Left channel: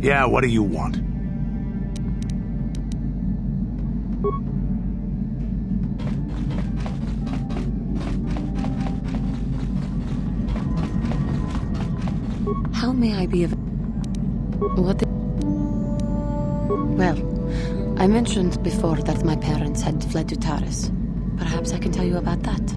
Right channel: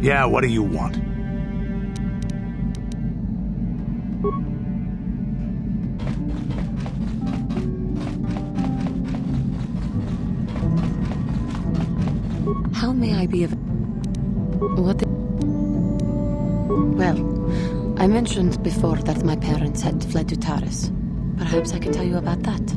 Yeah, what do you want? How may I be of... What the... Well, I mentioned before that my parents had fled to Taris. Perhaps I can tell you about that.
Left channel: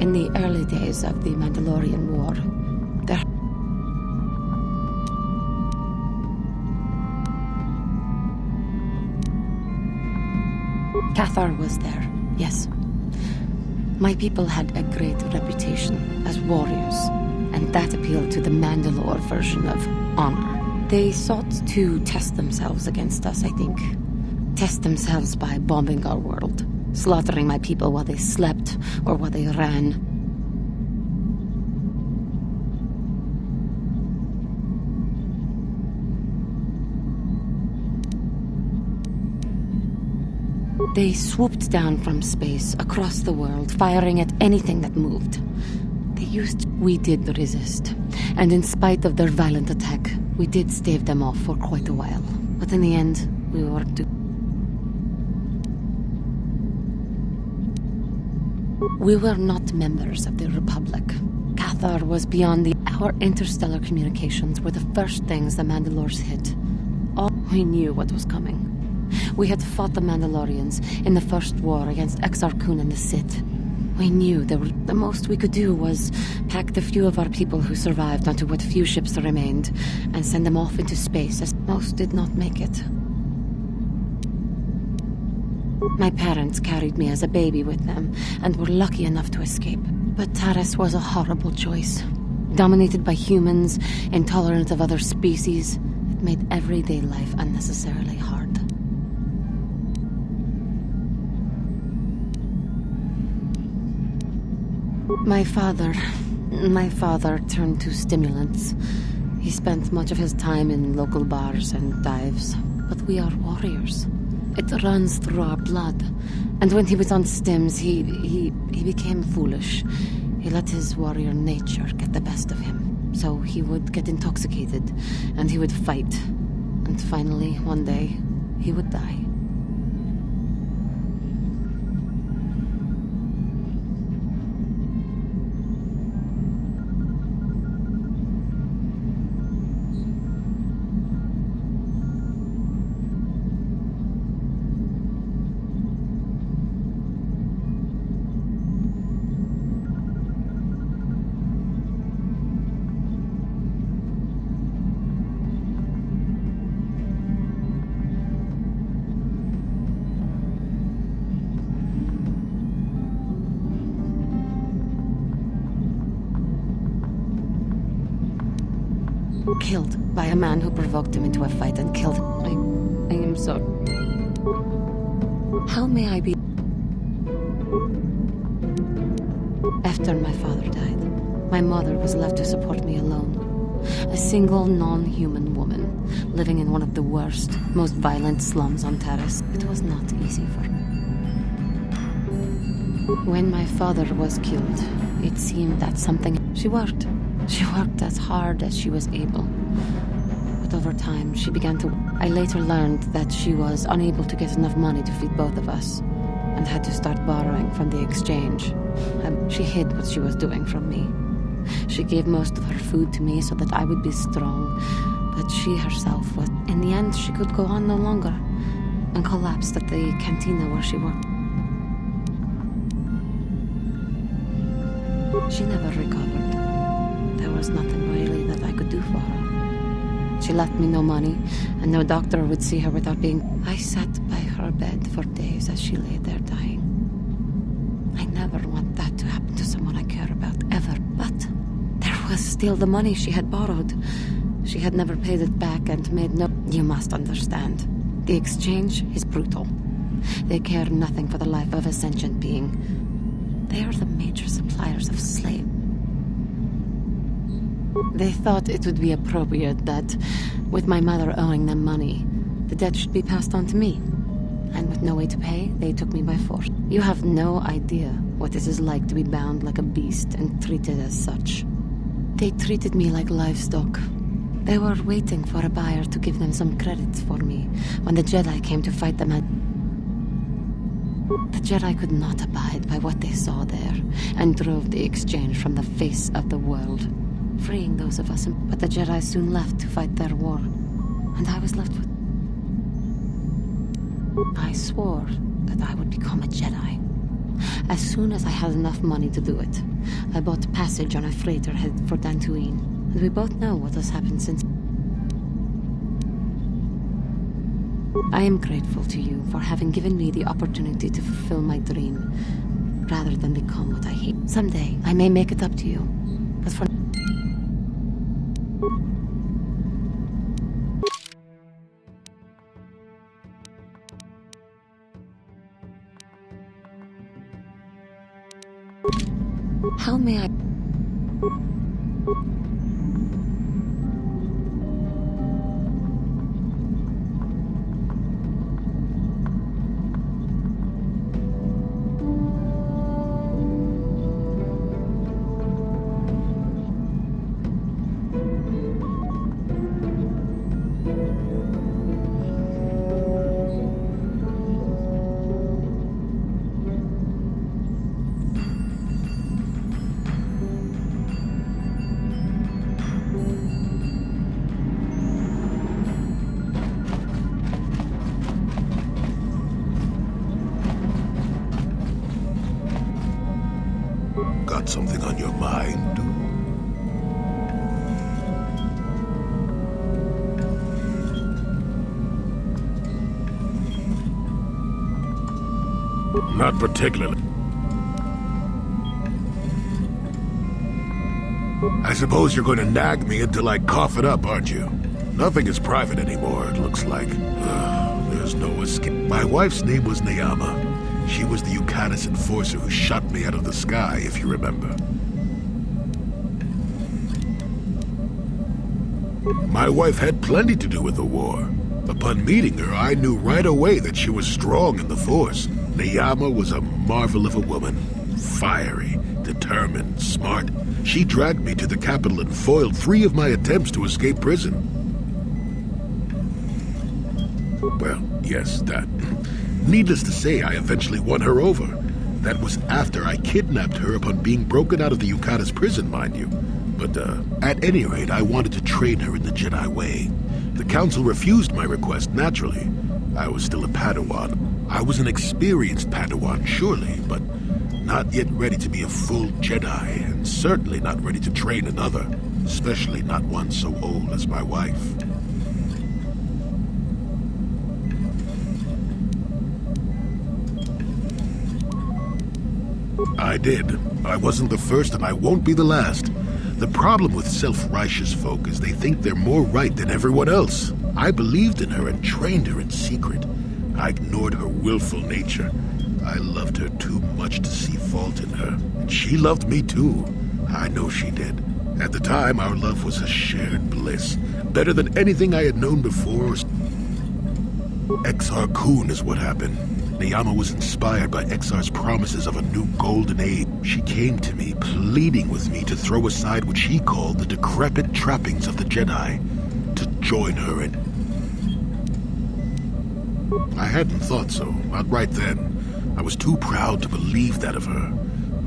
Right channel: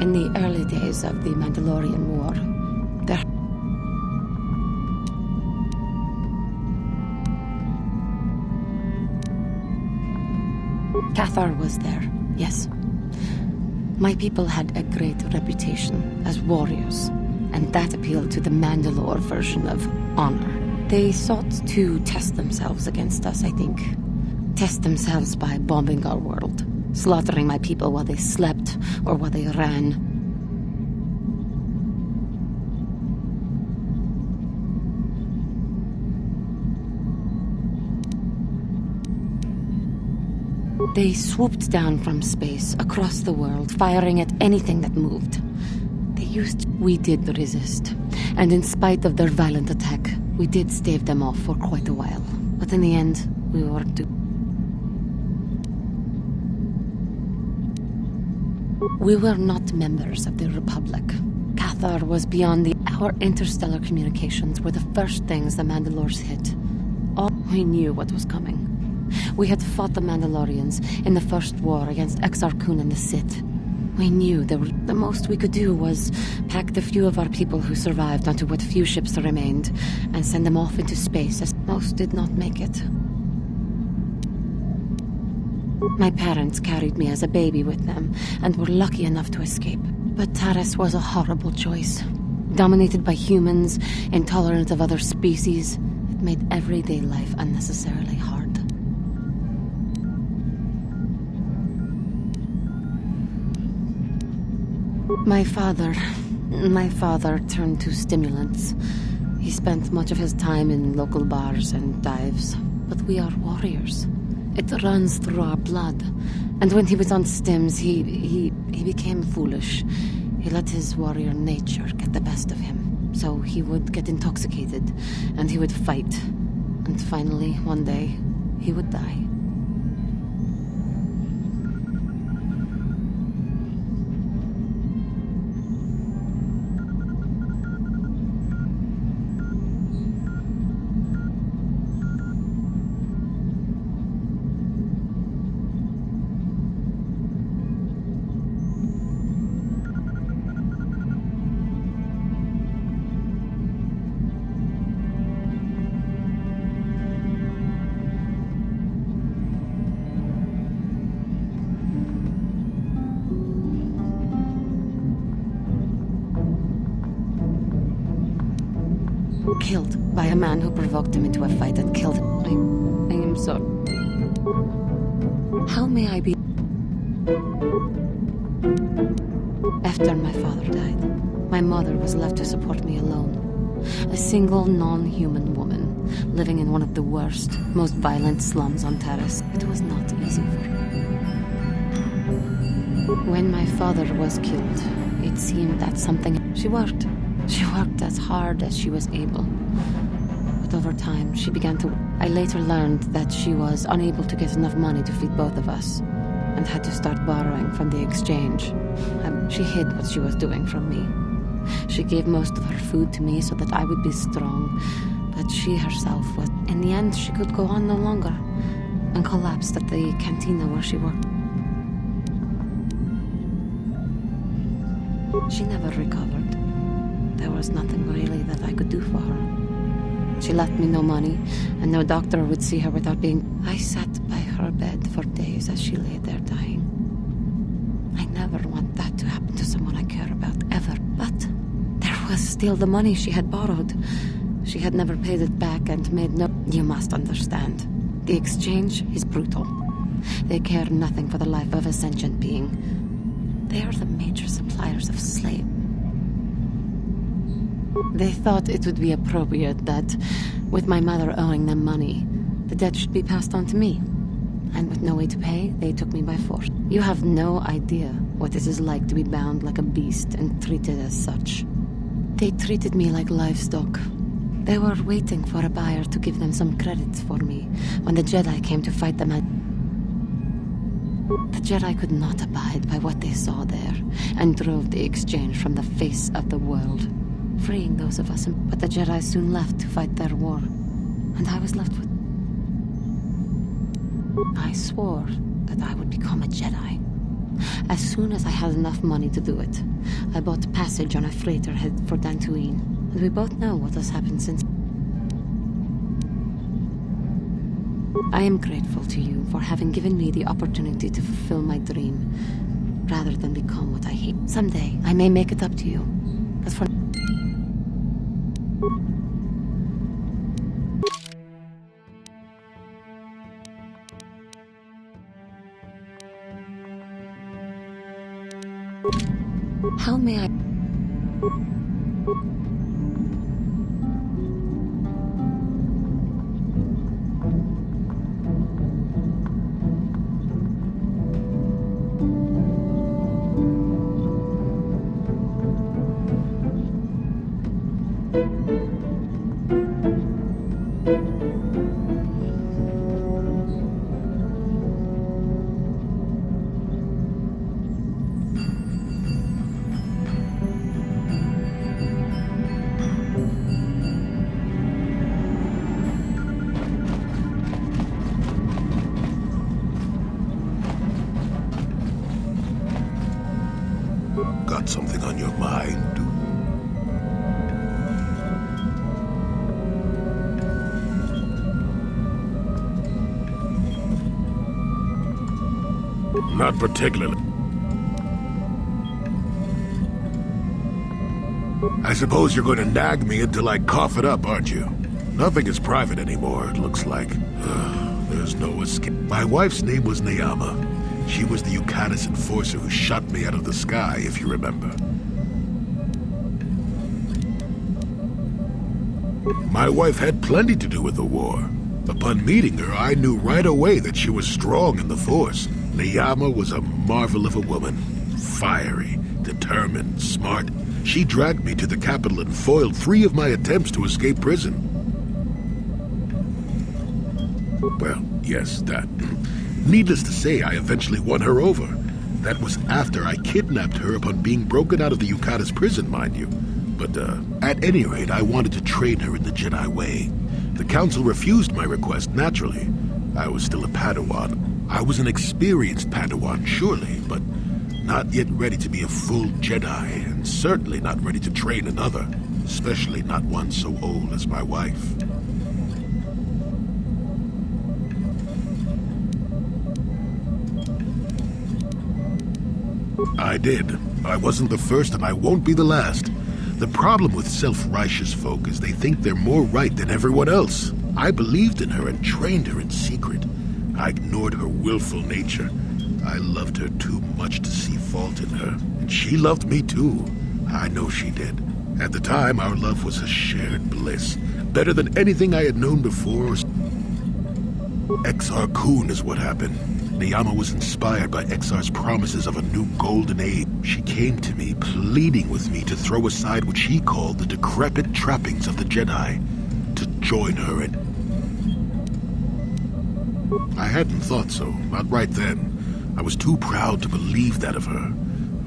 In the early days of the Mandalorian War, there... KOTOR was there, yes. My people had a great reputation as warriors, and that appealed to the Mandalore version of honor. They sought to test themselves against us, I think. Test themselves by bombing our world, slaughtering my people while they slept or while they ran. They swooped down from space, across the world, firing at anything that moved. We did resist, and in spite of their violent attack, we did stave them off for quite a while. But in the end, we were We were not members of the Republic. KOTOR was beyond Our interstellar communications were the first things the Mandalores hit. We knew what was coming. We had fought the Mandalorians in the first war against Exar Kun and the Sith. We knew the most we could do was pack the few of our people who survived onto what few ships remained and send them off into space, as most did not make it. My parents carried me as a baby with them and were lucky enough to escape. But Taris was a horrible choice. Dominated by humans, intolerant of other species, it made everyday life unnecessarily hard. My father turned to stimulants. He spent much of his time in local bars and dives. But we are warriors. It runs through our blood. And when he was on stims, he became foolish. He let his warrior nature get the best of him. So he would get intoxicated, and he would fight. And finally, one day, he would die. Killed by a man who provoked him into a fight and killed him. I am sorry. How may I be? After my father died, my mother was left to support me alone. A single non-human woman, living in one of the worst, most violent slums on Taris. It was not easy for her. When my father was killed, it seemed that something... She worked as hard as she was able. But over time, she began to... I later learned that she was unable to get enough money to feed both of us, and had to start borrowing from the exchange. She hid what she was doing from me. She gave most of her food to me so that I would be strong, but she herself was... In the end, she could go on no longer, and collapsed at the cantina where she worked. She never recovered. There was nothing really that I could do for her. She left me no money, and no doctor would see her without being... I sat by her bed for days as she lay there dying. I never want that to happen to someone I care about, ever. But there was still the money she had borrowed. She had never paid it back and made no... You must understand. The exchange is brutal. They care nothing for the life of a sentient being. They are the major suppliers of slaves. They thought it would be appropriate that, with my mother owing them money, the debt should be passed on to me. And with no way to pay, they took me by force. You have no idea what it is like to be bound like a beast and treated as such. They treated me like livestock. They were waiting for a buyer to give them some credits for me when the Jedi came to fight them at... The Jedi could not abide by what they saw there and drove the exchange from the face of the world, freeing those of us. But the Jedi soon left to fight their war, and I was left with... I swore that I would become a Jedi. As soon as I had enough money to do it, I bought passage on a freighter headed for Dantooine, and we both know what has happened since. I am grateful to you for having given me the opportunity to fulfill my dream, rather than become what I hate. Someday, I may make it up to you, but for... How may I... Got something on your mind, dude? Not particularly. I suppose you're going to nag me until I cough it up, aren't you? Nothing is private anymore, it looks like. There's no escape. My wife's name was Neyama. She was the Yukatis enforcer who shot me out of the sky, if you remember. My wife had plenty to do with the war. Upon meeting her, I knew right away that she was strong in the Force. Neyama was a marvel of a woman. Fiery, determined, smart. She dragged me to the capital and foiled 3 of my attempts to escape prison. Well, yes, that. Needless to say, I eventually won her over. That was after I kidnapped her upon being broken out of the Yukatis prison, mind you. But, at any rate, I wanted to train her in the Jedi way. The Council refused my request, naturally. I was still a Padawan. I was an experienced Padawan, surely, but not yet ready to be a full Jedi, and certainly not ready to train another, especially not one so old as my wife. I did. I wasn't the first, and I won't be the last. The problem with self-righteous folk is they think they're more right than everyone else. I believed in her and trained her in secret. I ignored her willful nature. I loved her too much to see fault in her, and she loved me too. I know she did. At the time, our love was a shared bliss, better than anything I had known before. Exar Kun is what happened. Neyama was inspired by Exar's promises of a new golden age. She came to me, pleading with me to throw aside what she called the decrepit trappings of the Jedi, to join her in... I hadn't thought so, not right then. I was too proud to believe that of her.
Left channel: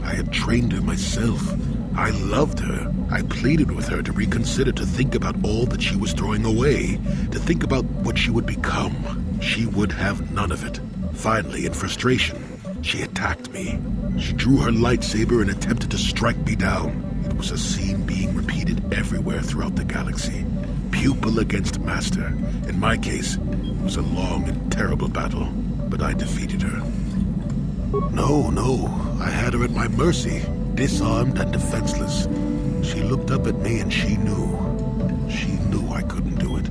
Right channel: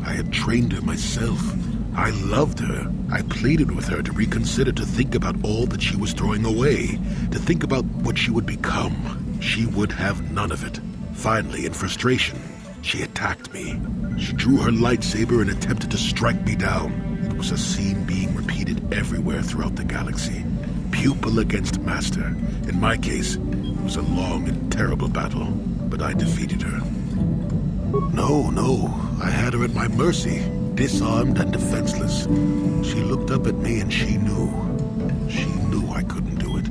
I had trained her myself. I loved her. I pleaded with her to reconsider, to think about all that she was throwing away, to think about what she would become. She would have none of it. Finally, in frustration, she attacked me. She drew her lightsaber and attempted to strike me down. It was a scene being repeated everywhere throughout the galaxy. Pupil against master. In my case, it was a long and terrible battle, but I defeated her. No, I had her at my mercy, disarmed and defenseless. She looked up at me and she knew. She knew I couldn't do it.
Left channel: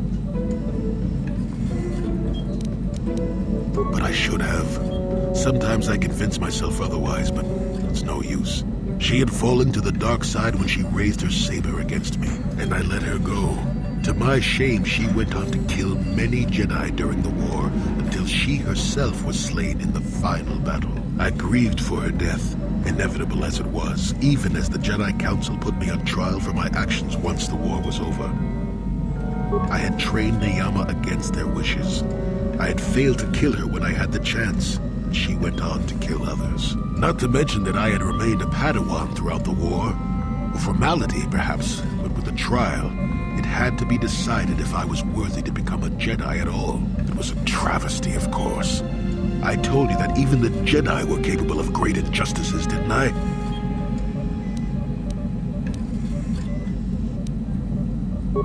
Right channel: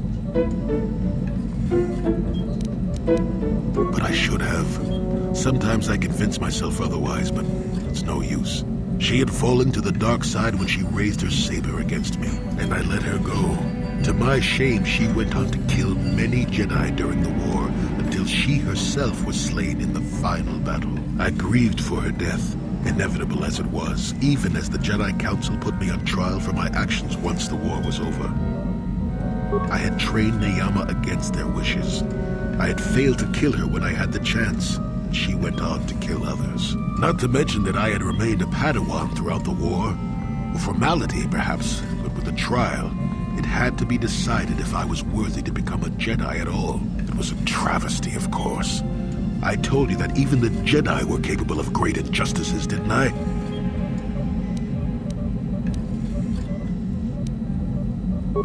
But I should have. Sometimes I convince myself otherwise, but it's no use. She had fallen to the dark side when she raised her saber against me, and I let her go. To my shame, she went on to kill many Jedi during the war, until she herself was slain in the final battle. I grieved for her death, inevitable as it was, even as the Jedi Council put me on trial for my actions once the war was over. I had trained Neyama against their wishes. I had failed to kill her when I had the chance, and she went on to kill others. Not to mention that I had remained a Padawan throughout the war. A formality, perhaps, but with the trial, it had to be decided if I was worthy to become a Jedi at all. It was a travesty, of course. I told you that even the Jedi were capable of great injustices, didn't I?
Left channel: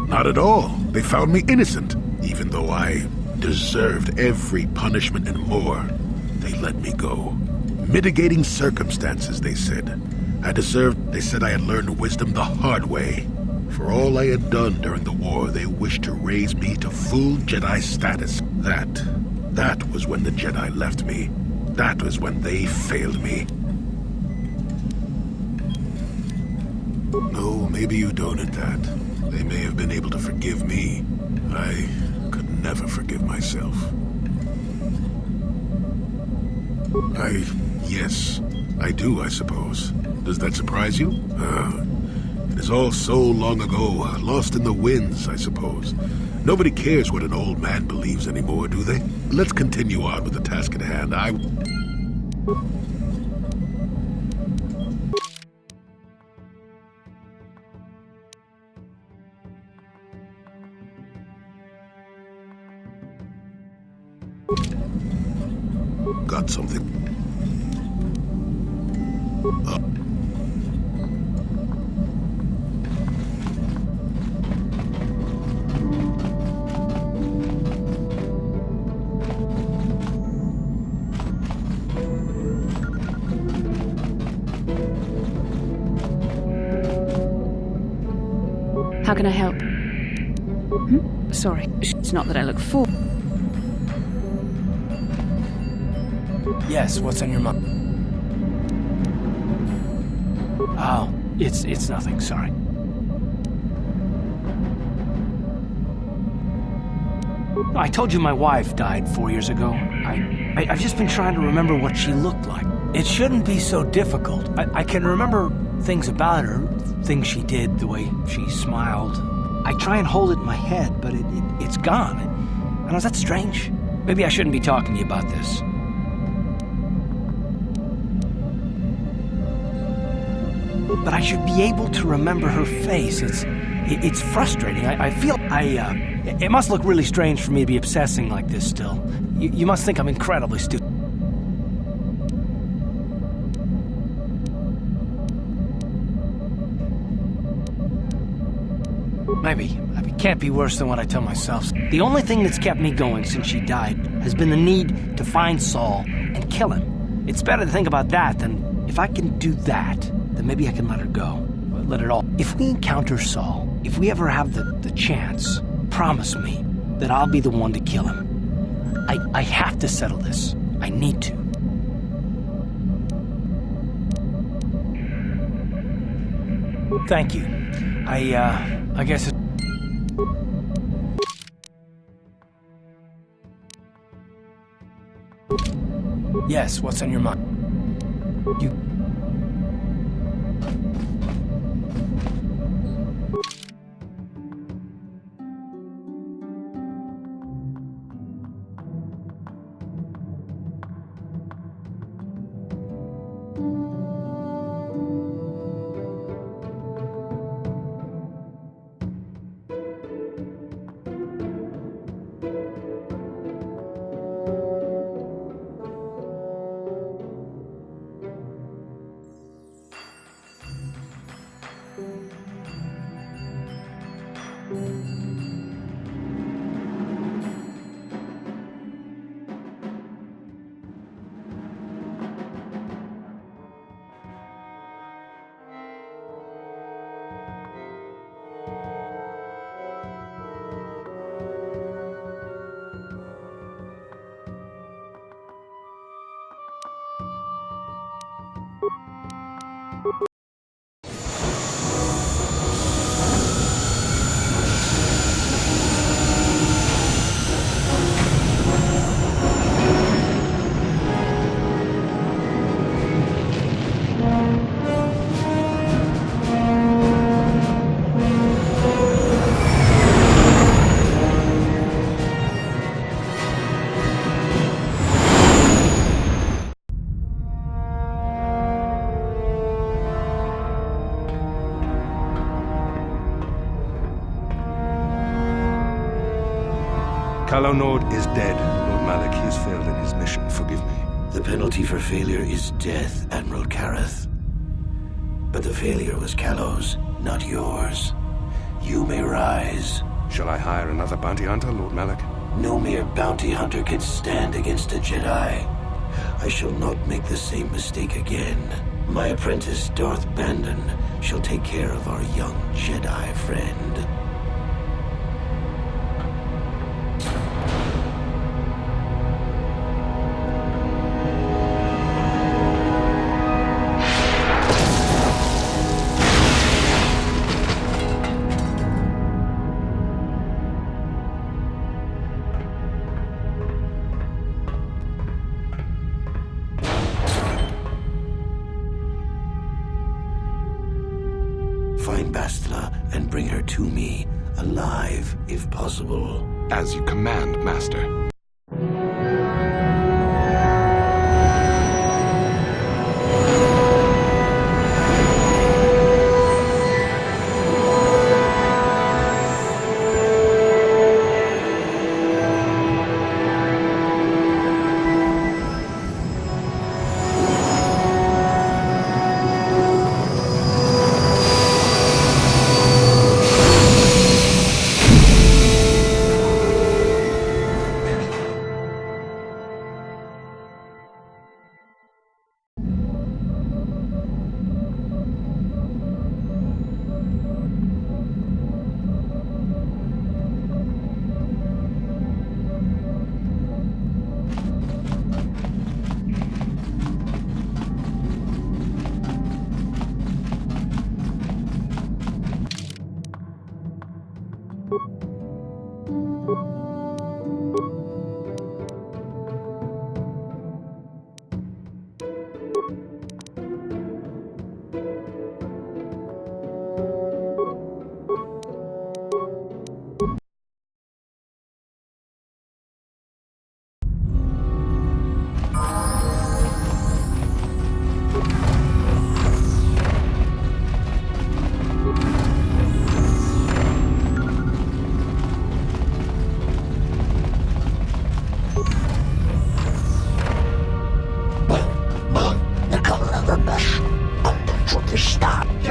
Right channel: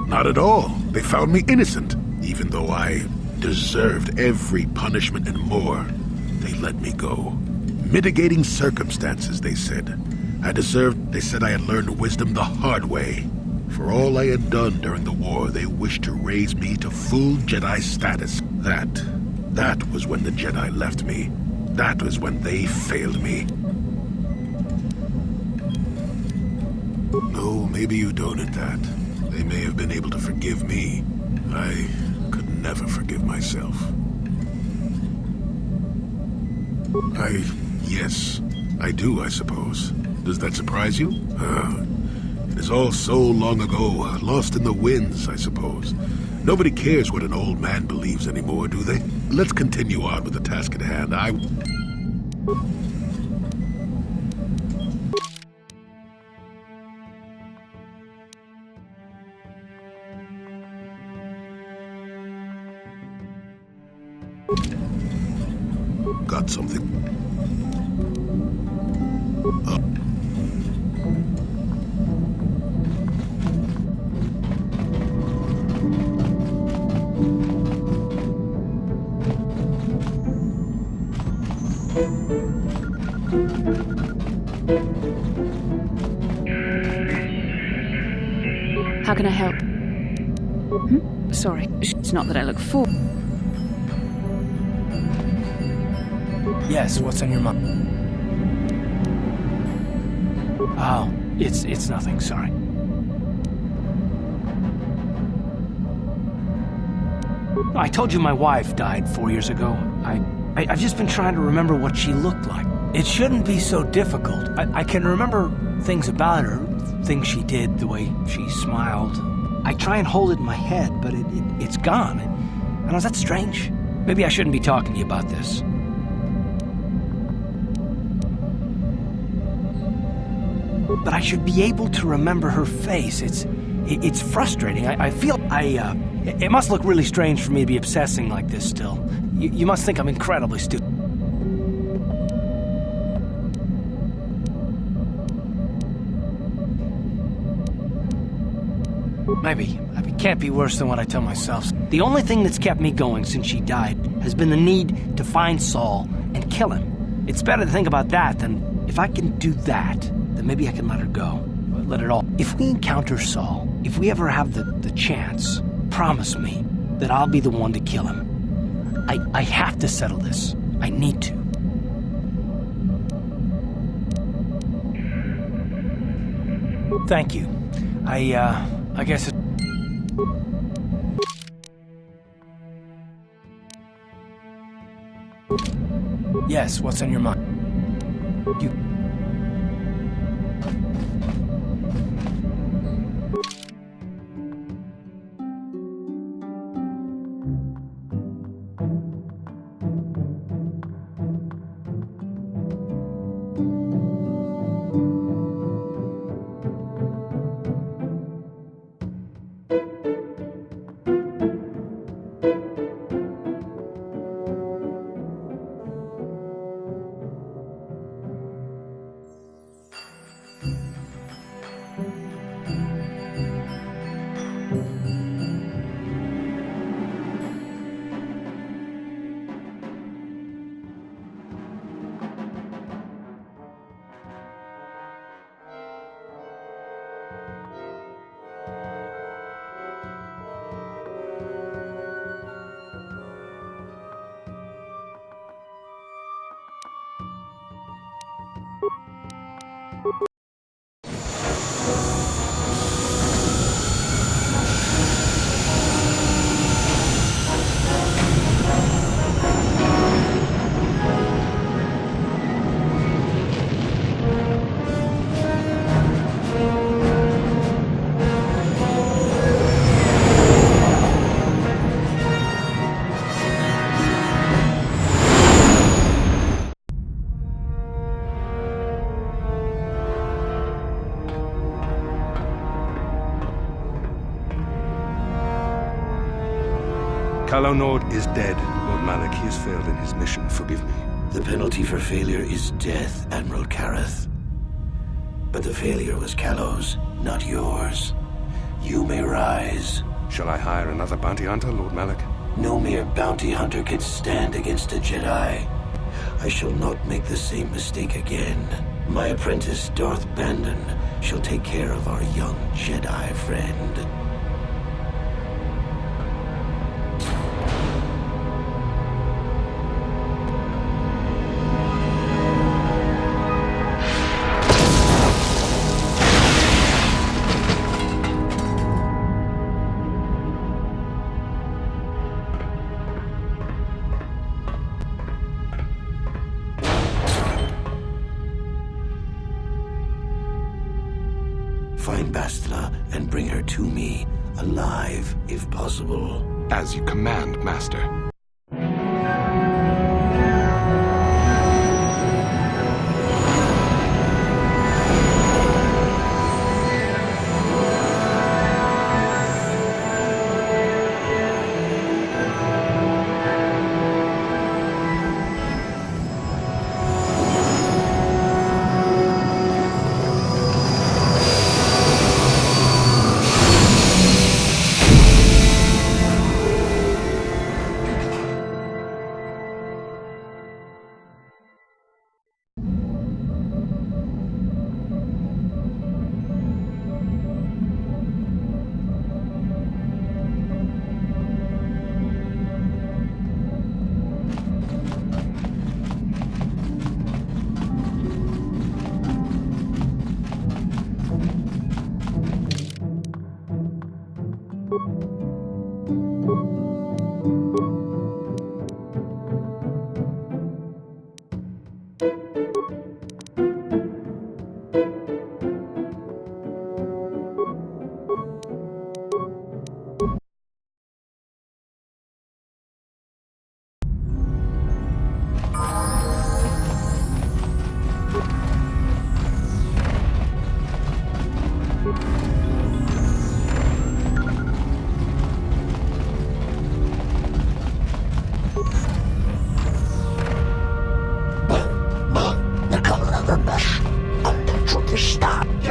Not at all. They found me innocent, even though I deserved every punishment and more. They let me go. Mitigating circumstances, they said. They said I had learned wisdom the hard way. For all I had done during the war, they wished to raise me to full Jedi status. That was when the Jedi left me. That was when they failed me. No, maybe you don't at that. They may have been able to forgive me. I could never forgive myself. Yes, I do, I suppose. Does that surprise you? It is all so long ago, lost in the winds, I suppose. Nobody cares what an old man believes anymore, do they? Let's continue on with the task at hand. Got something. How can I help? Sorry, it's not that I look for. Yes, what's on your mind? Oh, it's nothing, sorry. I told you my wife died 4 years ago. I've just been trying to remember what she looked like. It shouldn't be so difficult. I can remember things about her, things she did, the way she smiled. I try and hold it in my head, but it's gone. I don't know, is that strange? Maybe I shouldn't be talking to you about this. But I should be able to remember her face. It's frustrating. I feel it must look really strange for me to be obsessing like this still. You must think I'm incredibly stupid. Maybe it can't be worse than what I tell myself. The only thing that's kept me going since she died has been the need to find Saul and kill him. It's better to think about that than if I can do that, then maybe I can let her go. Let it all. If we encounter Saul, if we ever have the chance, promise me that I'll be the one to kill him. I have to settle this. I need to. Thank you. I guess it's... Yes, what's on your mind? You... Calo Nord is dead, Lord Malik. He has failed in his mission. Forgive me. The penalty for failure is death, Admiral Kareth. But the failure was Calo's, not yours. You may rise. Shall I hire another bounty hunter, Lord Malik? No mere bounty hunter can stand against a Jedi. I shall not make the same mistake again. My apprentice, Darth Bandon, shall take care of our young Jedi friend. Find Bastila and bring her to me, alive, if possible. As you command, Master.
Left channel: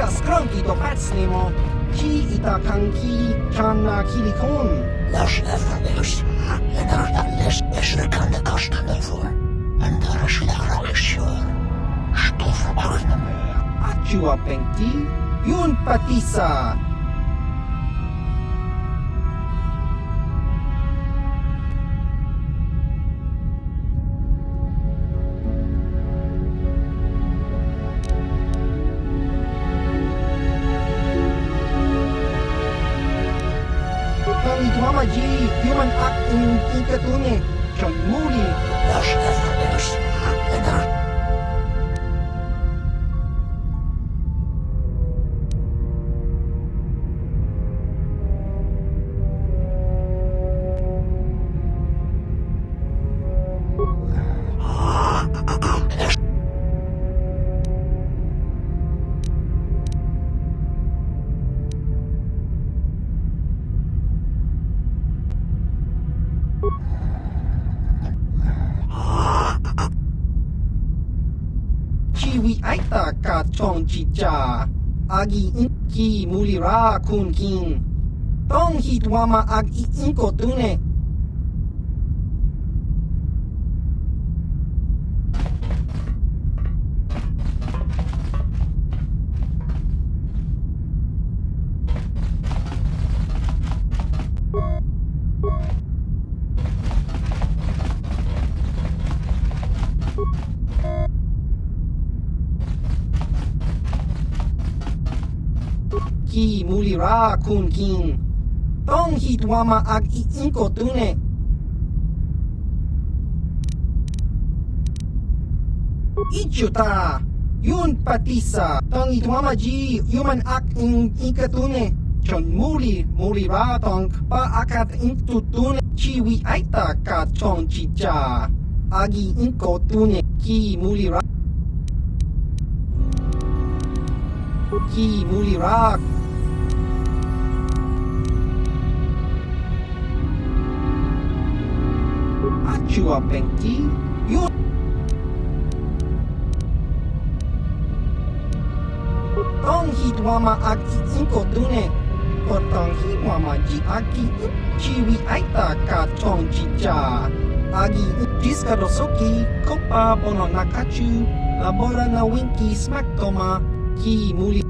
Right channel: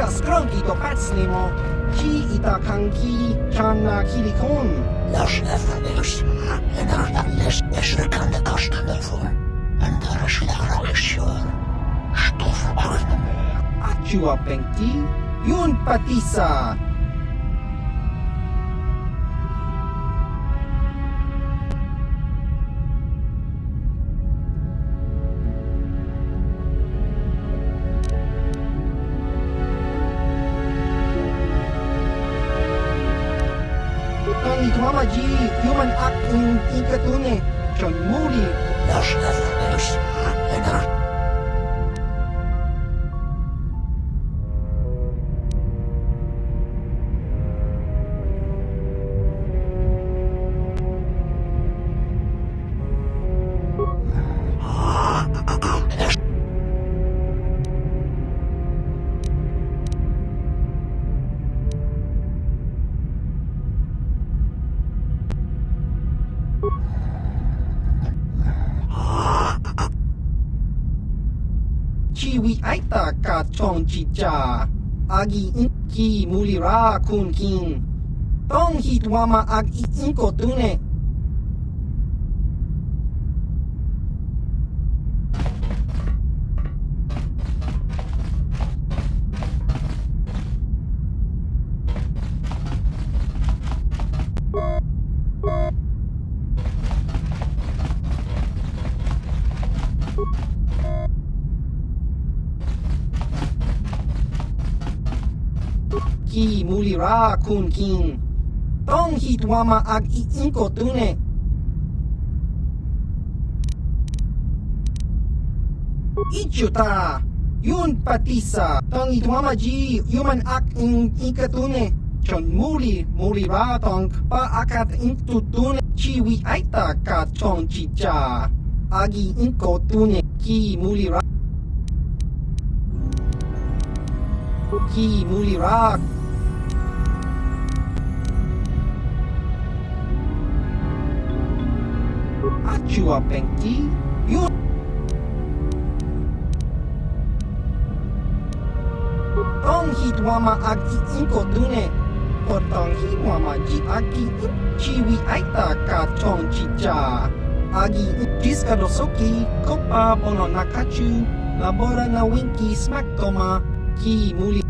Skronki to pacnimo, ki ita kanki channa kilikon. Las nefrenius, en arnalles esrekan de kastanevor, en daar is lagrachsjor, stof arnemo. Achua penki, yun patisa. Mama G, human act in ikatune, John Moody. Las nefrenius, en ar... Chiwi aita ka chong chicha, agi inki mulira kun kin. Tong hitwama ag inko tune. Ki mulira kun kin. Tong hitwama ag inko tune. Ichuta, yun patisa. Tong hitwama ji human ak in ikatune. Chon mulira tong pa akat intutune. Chiwi aita ka chong chicha. Agi inko tune. Ki mulira. Ki mulira. Chua Penki, yun. Tong hitwama ag iinko dune. Kotong hitwama ji agi chiwi aita ka tong chicha. Agi jiska dosoki kopa bono nakachu. Labora na winki smack toma ki muli.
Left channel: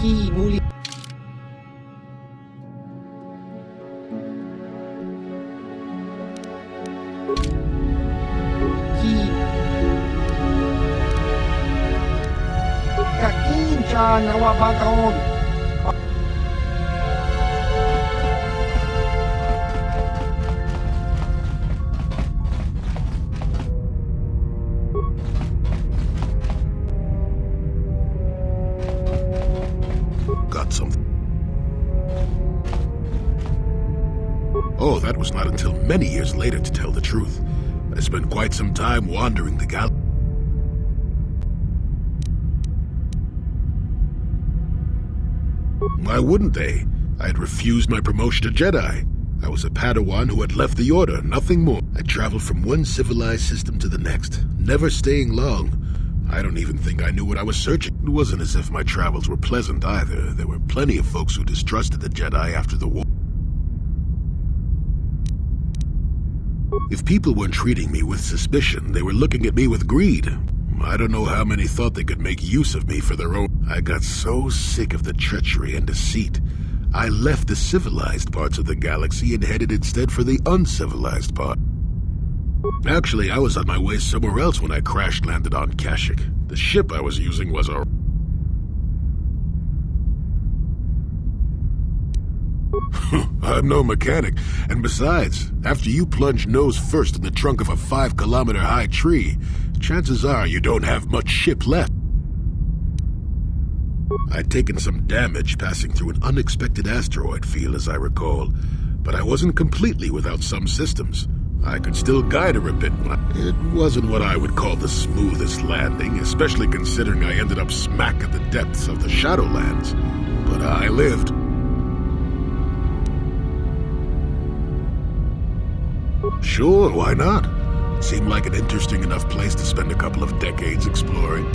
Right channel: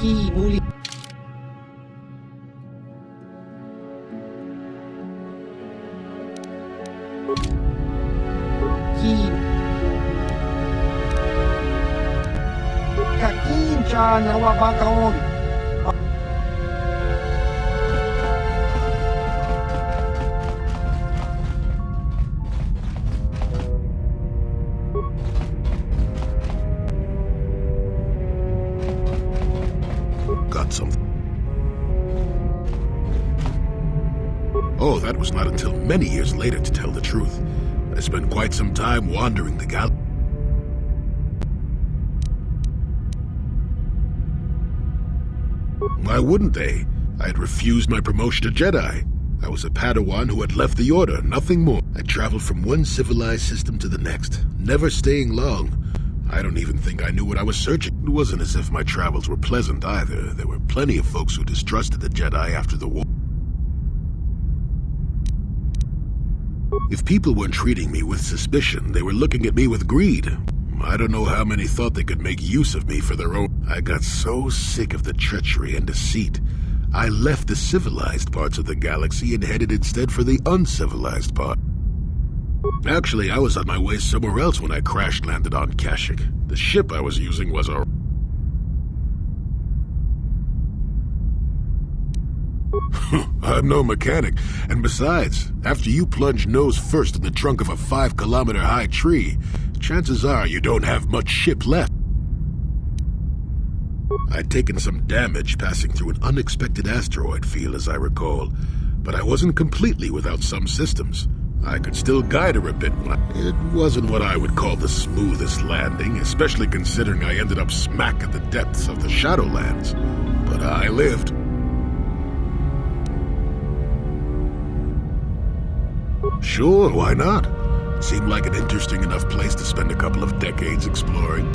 Ki muli. Ki kakincha nawabakaon. Got something. Oh, that was not until many years later, to tell the truth. I spent quite some time wandering the galaxy. Why wouldn't they? I had refused my promotion to Jedi. I was a Padawan who had left the Order, nothing more. I traveled from one civilized system to the next, never staying long. I don't even think I knew what I was searching. It wasn't as if my travels were pleasant either. There were plenty of folks who distrusted the Jedi after the war. If people weren't treating me with suspicion, they were looking at me with greed. I don't know how many thought they could make use of me for their own. I got so sick of the treachery and deceit. I left the civilized parts of the galaxy and headed instead for the uncivilized part. Actually, I was on my way somewhere else when I crash-landed on Kashyyyk. The ship I was using was a... I'm no mechanic, and besides, after you plunge nose first in the trunk of a 5-kilometer-high tree, chances are you don't have much ship left. I'd taken some damage passing through an unexpected asteroid field, as I recall, but I wasn't completely without some systems. I could still guide her a bit. It wasn't what I would call the smoothest landing, especially considering I ended up smack at the depths of the Shadowlands. But I lived. Sure, why not? It seemed like an interesting enough place to spend a couple of decades exploring.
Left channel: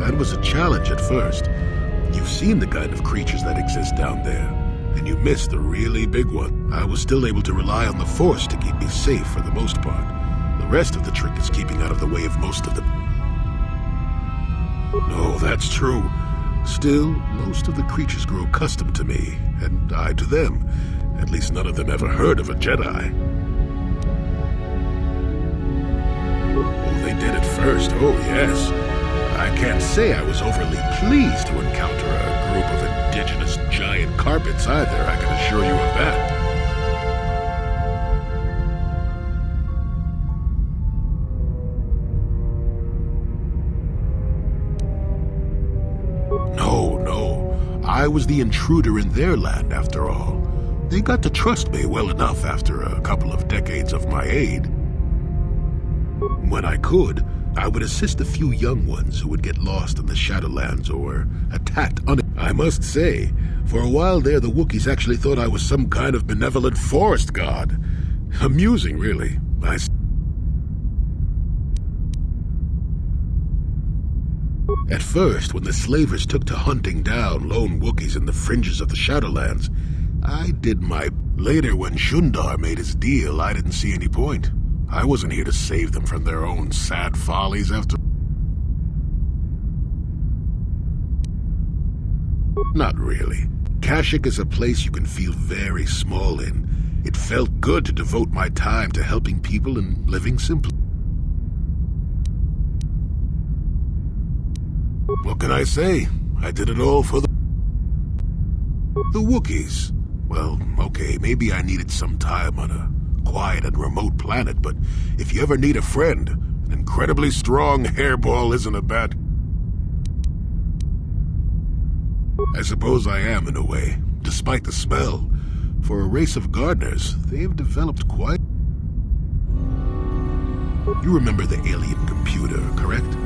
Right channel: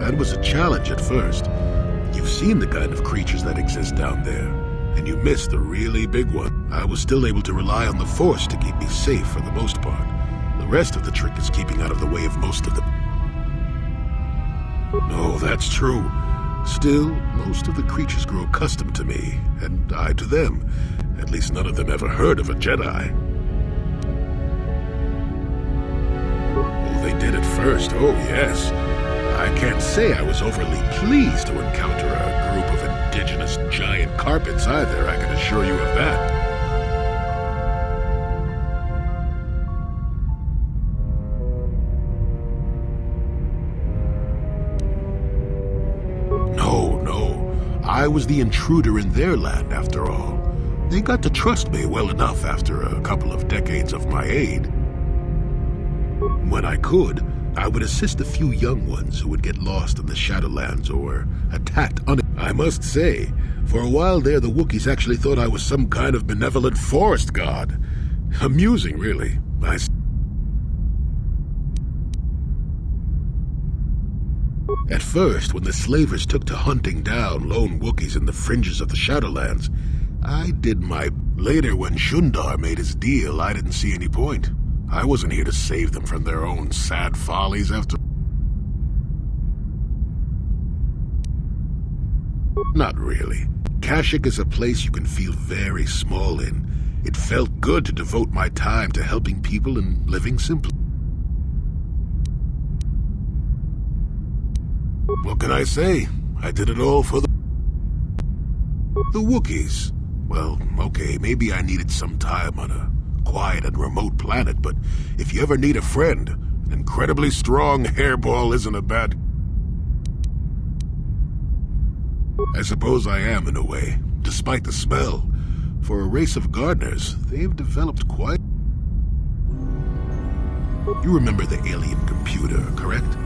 That was a challenge at first. You've seen the kind of creatures that exist down there, and you missed the really big one. I was still able to rely on the Force to keep me safe for the most part. The rest of the trick is keeping out of the way of most of them. No, that's true. Still, most of the creatures grew accustomed to me, and I to them. At least none of them ever heard of a Jedi. Oh, they did at first, oh yes. I can't say I was overly pleased to encounter a group of indigenous giant carpets either, I can assure you of that. No, I was the intruder in their land after all. They got to trust me well enough after a couple of decades of my aid. When I could, I would assist a few young ones who would get lost in the Shadowlands or attacked I must say, for a while there the Wookiees actually thought I was some kind of benevolent forest god. Amusing, really. At first, when the slavers took to hunting down lone Wookiees in the fringes of the Shadowlands, I did my... Later, when Shundar made his deal, I didn't see any point. I wasn't here to save them from their own sad follies after... Not really. Kashyyyk is a place you can feel very small in. It felt good to devote my time to helping people and living simply. What can I say? I did it all for the Wookiees. Well, okay, maybe I needed some time on a quiet and remote planet, but if you ever need a friend, an incredibly strong hairball isn't a bad... I suppose I am in a way, despite the smell. For a race of gardeners, they've developed quite... You remember the alien computer, correct?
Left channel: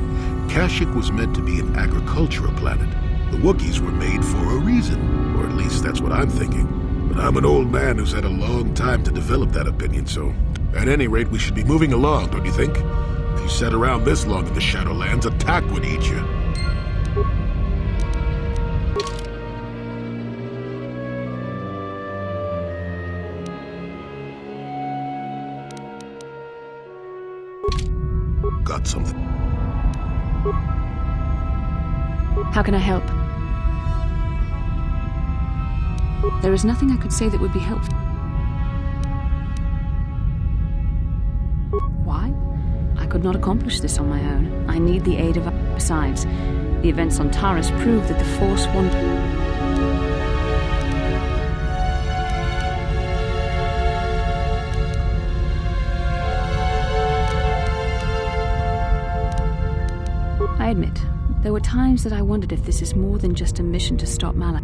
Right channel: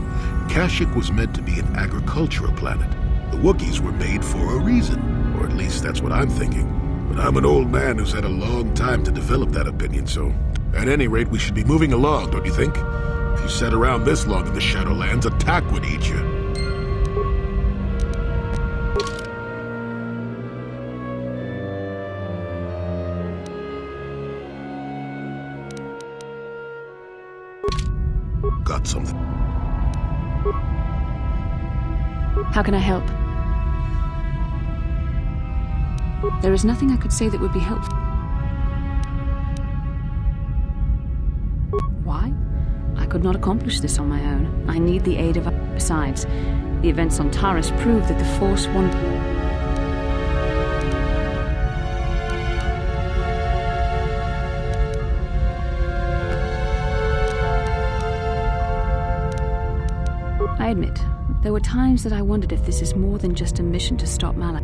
Kashyyyk was meant to be an agricultural planet. The Wookiees were made for a reason, or at least that's what I'm thinking. But I'm an old man who's had a long time to develop that opinion, so at any rate, we should be moving along, don't you think? If you sat around this long in the Shadowlands, attack would eat you. Got something? How can I help? There is nothing I could say that would be helpful. Why? I could not accomplish this on my own. I need the aid of... Besides, the events on Taris prove that the Force won... I admit, there were times that I wondered if this is more than just a mission to stop Malak.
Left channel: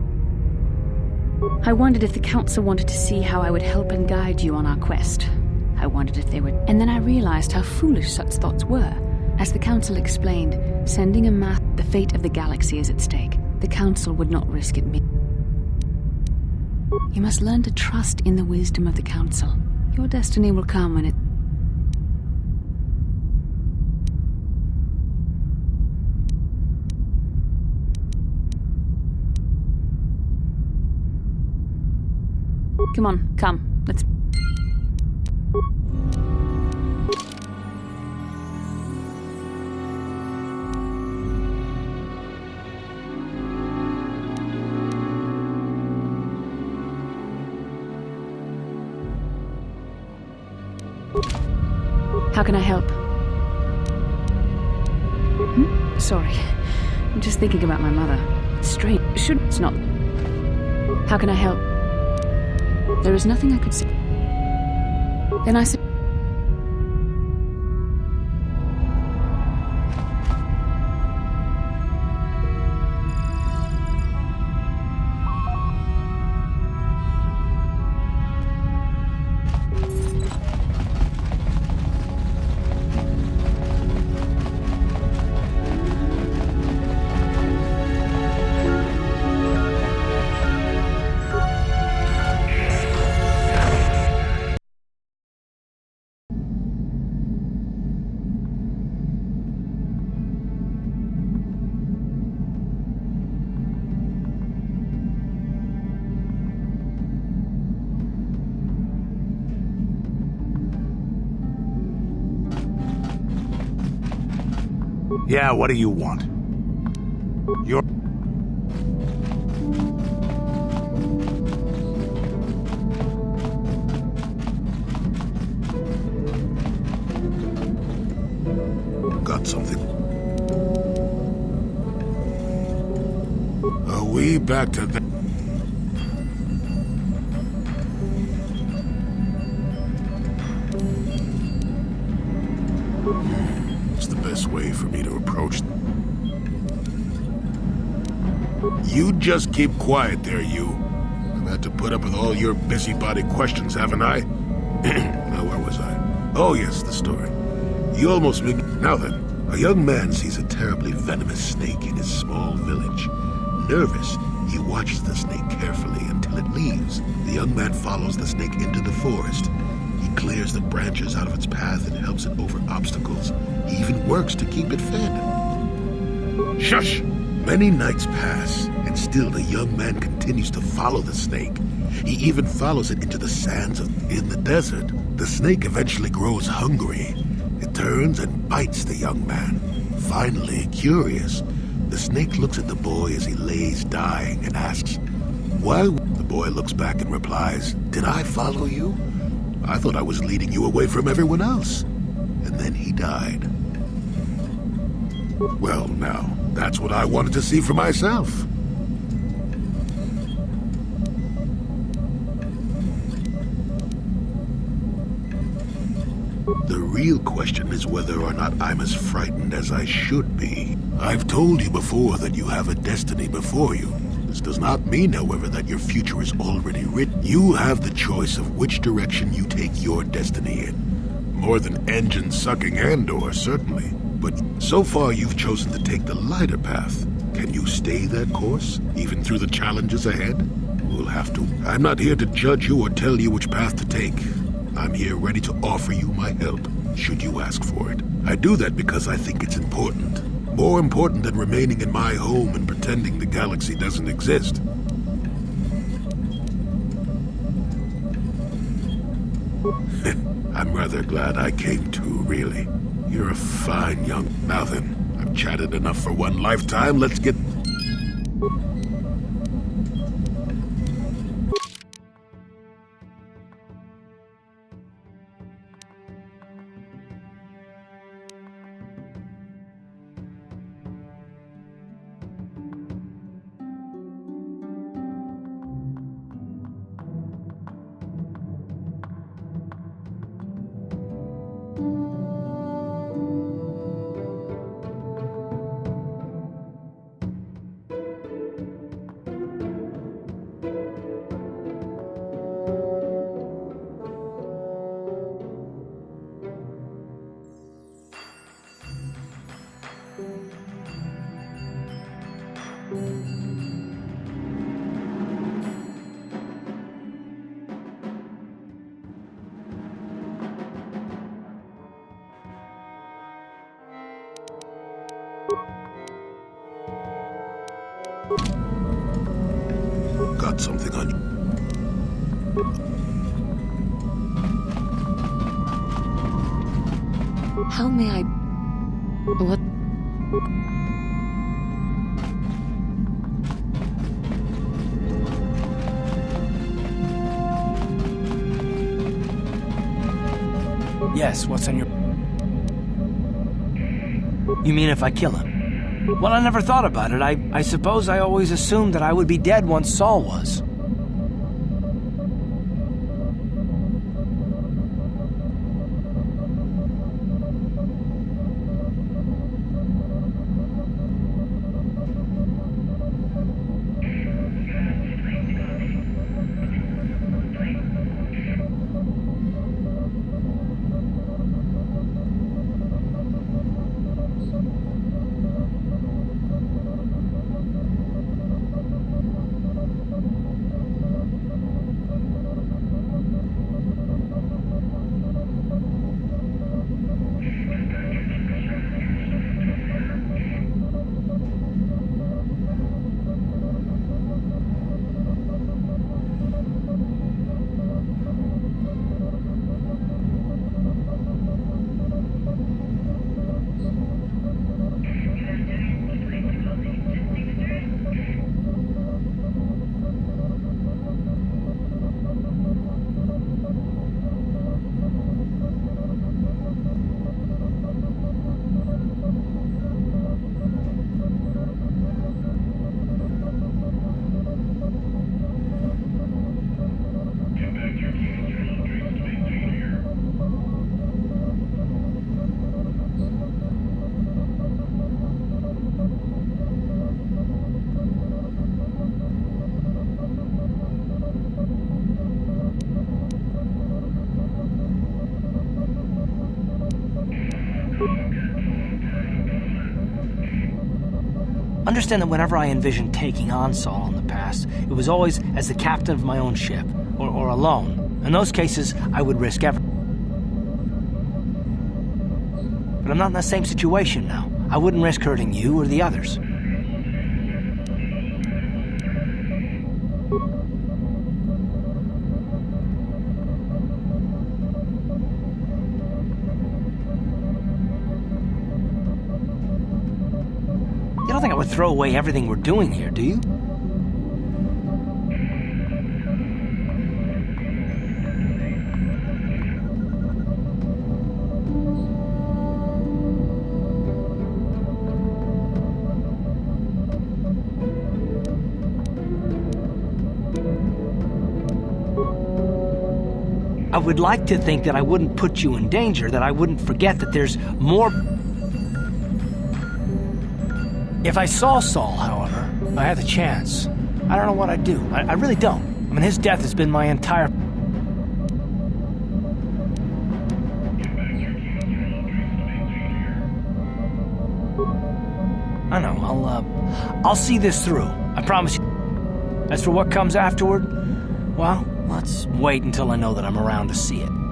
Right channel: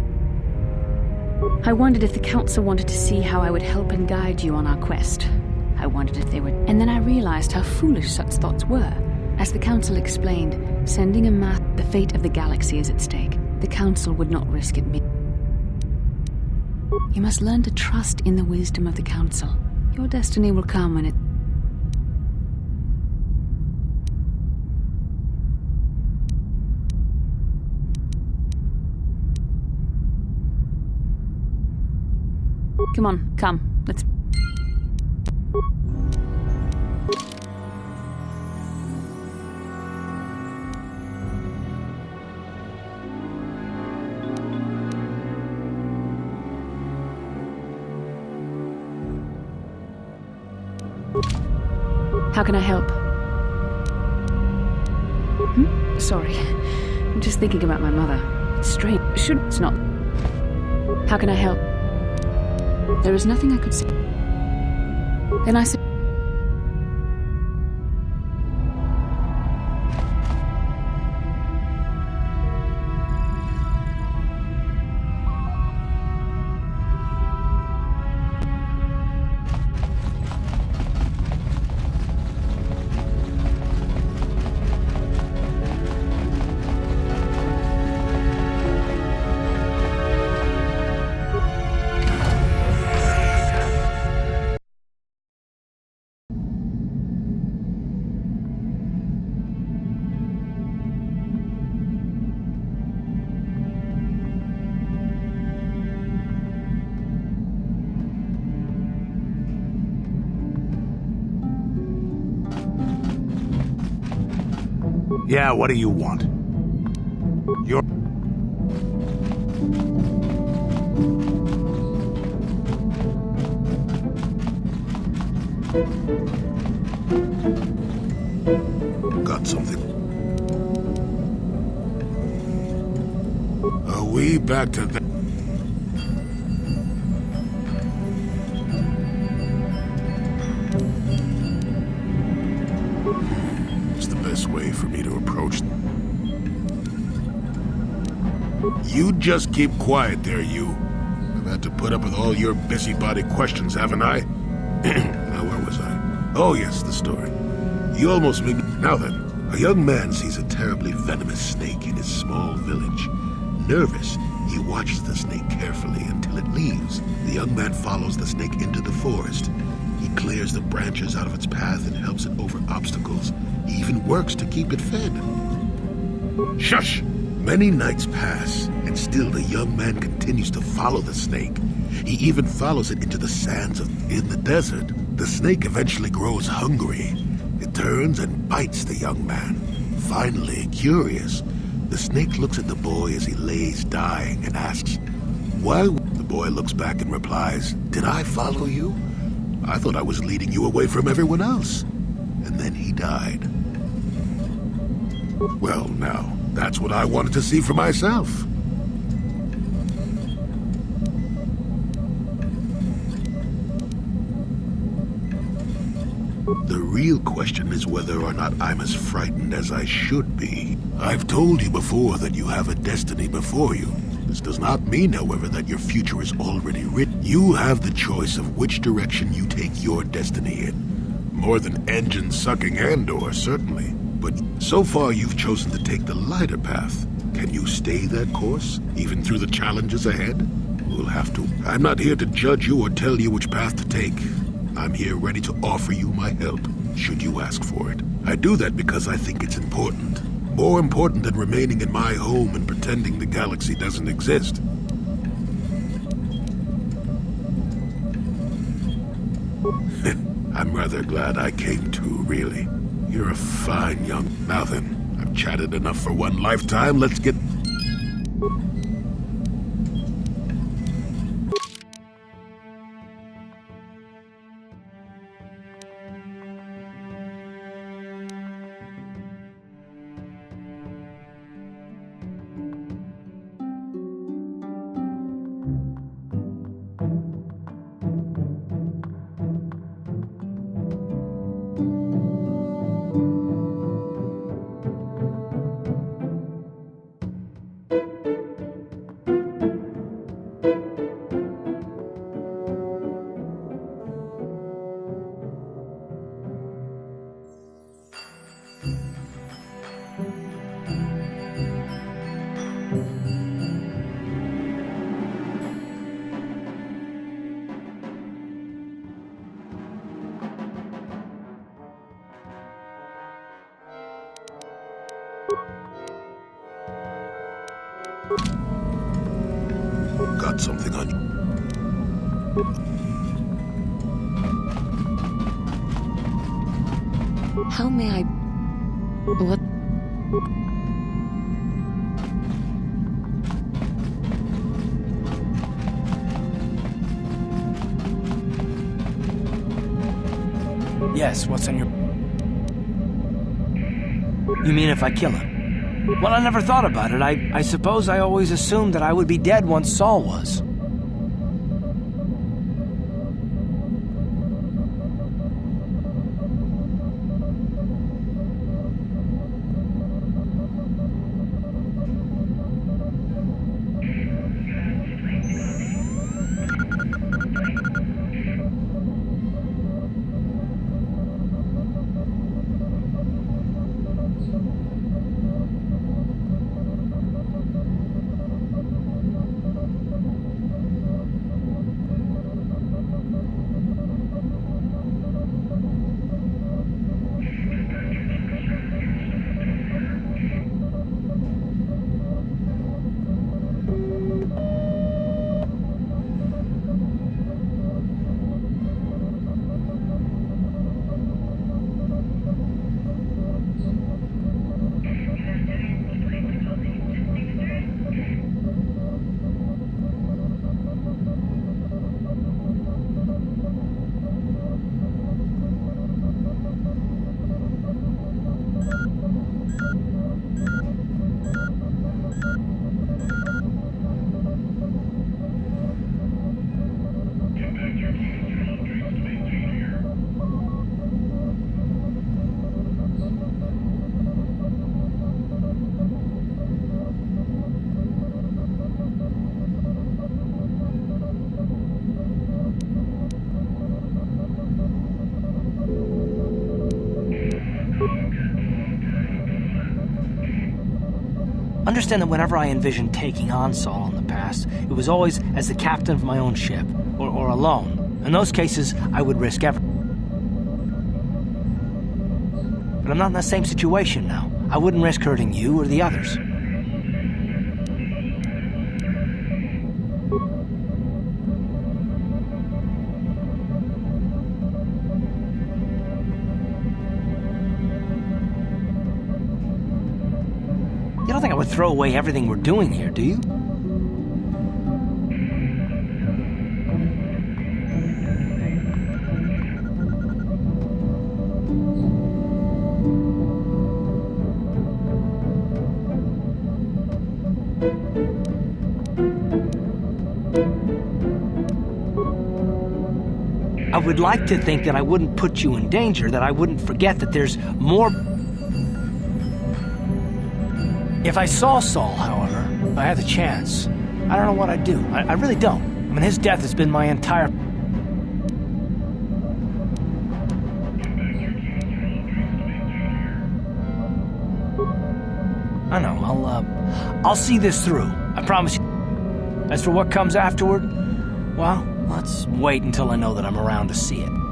I wondered if the Council wanted to see how I would help and guide you on our quest. I wondered if they would... And then I realized how foolish such thoughts were. As the Council explained, sending a mass... The fate of the galaxy is at stake. The Council would not risk it. You must learn to trust in the wisdom of the Council. Your destiny will come when it... Come on, come. Let's... How can I help? Sorry. I'm just thinking about my mother. It's strange. It's not... How can I help? There is nothing I could say. Then I said... Yeah, what do you want? You're... Got something? Are we back to that? It's the best way for me to approach. You just keep quiet there, you. I've had to put up with all your busybody questions, haven't I? Now, where was I? Oh, yes, the story. You almost made me... Now then, a young man sees a terribly venomous snake in his small village. Nervous, he watches the snake carefully until it leaves. The young man follows the snake into the forest. He clears the branches out of its path and helps it over obstacles. He even works to keep it fed. Shush! Many nights pass, and still the young man continues to follow the snake. He even follows it into the sands in the desert. The snake eventually grows hungry. It turns and bites the young man. Finally, curious, the snake looks at the boy as he lays dying and asks, "Why?" The boy looks back and replies, "Did I follow you? I thought I was leading you away from everyone else." And then he died. Well, now, that's what I wanted to see for myself. The real question is whether or not I'm as frightened as I should be. I've told you before that you have a destiny before you. This does not mean, however, that your future is already written. You have the choice of which direction you take your destiny in. More than engine-sucking Andor, certainly. But so far you've chosen to take the lighter path. Can you stay that course, even through the challenges ahead? We'll have to. I'm not here to judge you or tell you which path to take. I'm here ready to offer you my help, should you ask for it. I do that because I think it's important. More important than remaining in my home and pretending the galaxy doesn't exist. I'm rather glad I came too, really. You're a fine young... Now then, I've chatted enough for one lifetime. Let's get... Got something on you. How may I... What? Yes, what's on your... You mean if I kill him? Well, I never thought about it. I suppose I always assumed that I would be dead once Saul was. Understand that whenever I envisioned taking on Saul in the past, it was always as the captain of my own ship, or alone. In those cases, I would risk everything. But I'm not in the same situation now. I wouldn't risk hurting you or the others. You don't think I would throw away everything we're doing here, do you? I would like to think that I wouldn't put you in danger, that I wouldn't forget that there's more... If I saw Saul, however, if I had the chance, I don't know what I'd do. I really don't. I mean, his death has been my entire... I know, I'll see this through. I promise you. As for what comes afterward, well, let's wait until I know that I'm around to see it.